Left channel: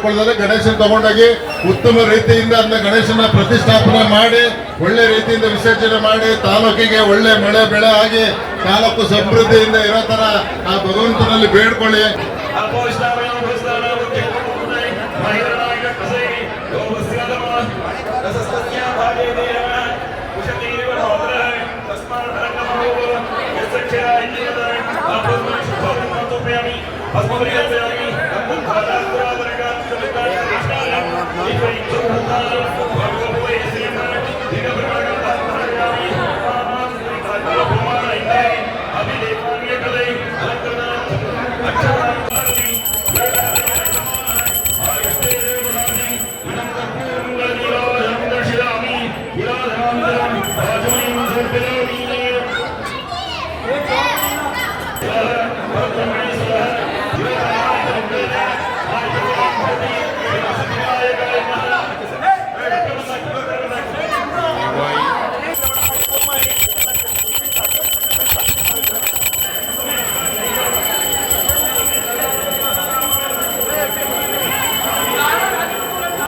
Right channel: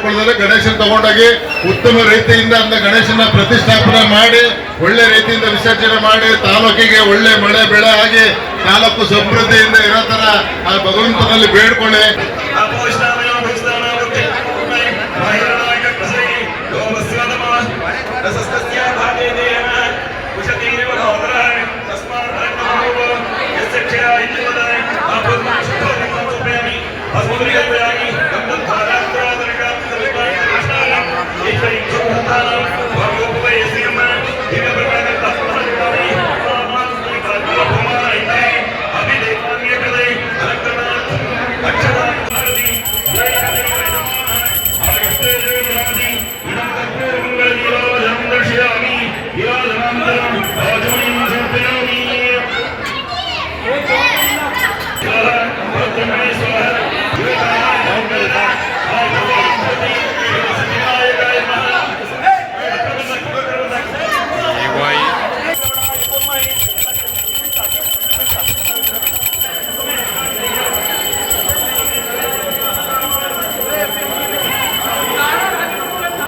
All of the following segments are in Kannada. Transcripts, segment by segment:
ಮಾಡ್ಕೊಳ್ಳೋದ್ರೆ ಗಣೇಶನ್ ತಗೊಂಡೋಗಿ ಉತ್ತಮ ರೀತಿಯಿಂದ ಅಂದ ಗಣೇಶನ ಪ್ರತಿಷ್ಠಾಪನೆ ಮಾಡಿ ಒಳ್ಳೆ ರೀತಿಯಿಂದ ವಿಸರ್ಜನೆ ಮಾಡಿ ತಾಲೂಕಿಗೆ ಒಳ್ಳೆ ಮಳೆ ಬೆಳೆ ಆಗಿ ತಾಲೂಕು ಸಮೃದ್ಧಿಯಿಂದ ಇರೋ ತರ ಆ ಭಗವಂತನಲ್ಲಿ ಬೇಡ್ಕೊಳ್ಳಿ.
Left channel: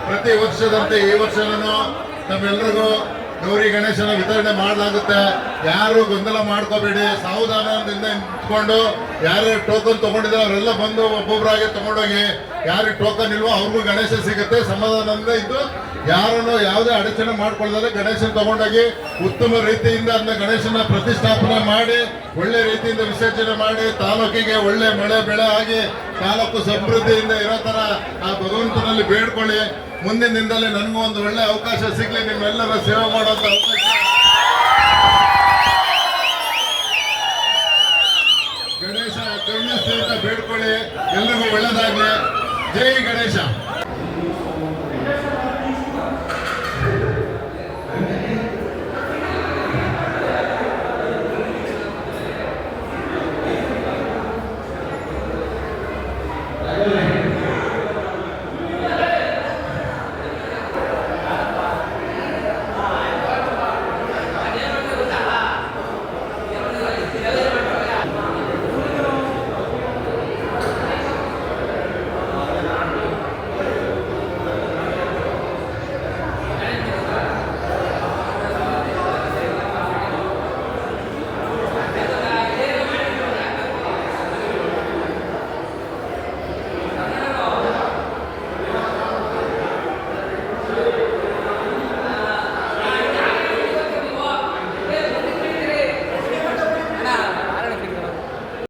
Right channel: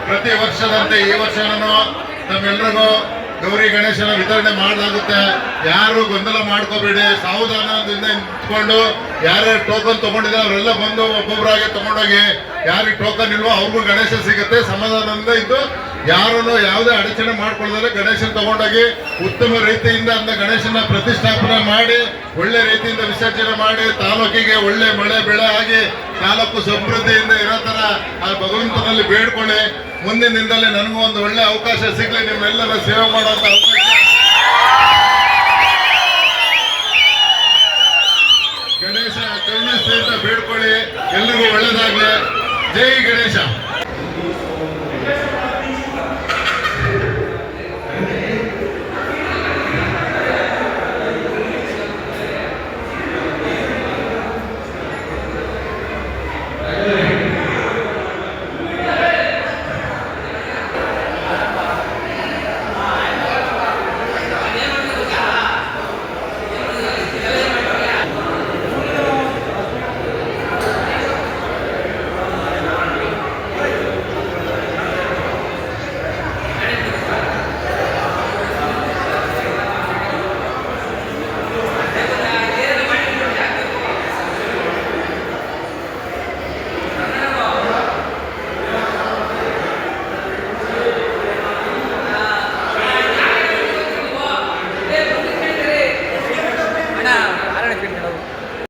ಪ್ರತಿ ವರ್ಷದಂತೆ ಈ ವರ್ಷನೂ ನಮ್ಮೆಲ್ಲರಿಗೂ ಗೌರಿ ಗಣೇಶನ ವಿತರಣೆ ಮಾಡಲಾಗುತ್ತೆ. ಯಾರು ಗೊಂದಲ ಮಾಡ್ಕೋಬೇಡಿ, ಸಾವಧಾನದಿಂದ ನಿಂತ್ಕೊಂಡು ಯಾರ್ಯಾರು ಟೋಕನ್ ತಗೊಂಡಿದ್ದಾರೆ ಅವರೆಲ್ಲ ಬಂದು ಒಬ್ಬೊಬ್ಬರಾಗಿ ತಗೊಂಡೋಗಿ ಯಾರಿಗೆ ಟೋಕನ್ ಇಲ್ವೋ ಅವ್ರಿಗೂ ಗಣೇಶ ಸಿಗುತ್ತೆ. ಸಮಾಧಾನದಿಂದ ಇದ್ದು ಯಾರನ್ನು ಯಾವುದೇ ಅಡಚಣೆ ಮಾಡ್ಕೊಳ್ಳೋದ್ರೆ ಗಣೇಶನ್ ತಗೊಂಡೋಗಿ ಉತ್ತಮ ರೀತಿಯಿಂದ ಅಂದ ಗಣೇಶನ ಪ್ರತಿಷ್ಠಾಪನೆ ಮಾಡಿ ಒಳ್ಳೆ ರೀತಿಯಿಂದ ವಿಸರ್ಜನೆ ಮಾಡಿ ತಾಲೂಕಿಗೆ ಒಳ್ಳೆ ಮಳೆ ಬೆಳೆ ಆಗಿ ತಾಲೂಕು ಸಮೃದ್ಧಿಯಿಂದ ಇರೋ ತರ ಆ ಭಗವಂತನಲ್ಲಿ ಬೇಡ್ಕೊಳ್ಳಿ. ಮುಂದಿನ ದಿನದಲ್ಲಿ ನನಗೂ ಒಂದು ಒಳ್ಳೆ ಅವಕಾಶ ಸಿಗ್ಲಿ, ನಿಮ್ಮೆಲ್ಲರ ಸೇವೆ ಮಾಡುವಂತ ಅವಕಾಶ. ಗಣೇಶ ಕರುಣೆ ಸಹಿತ ಬೇಡ್ಕೊಳ್ಳಿ. ಎಲ್ರಿಗೂ ಒಳ್ಳೇದಾಗ್ಲಿ. ಜೈ ಗಣೇಶ.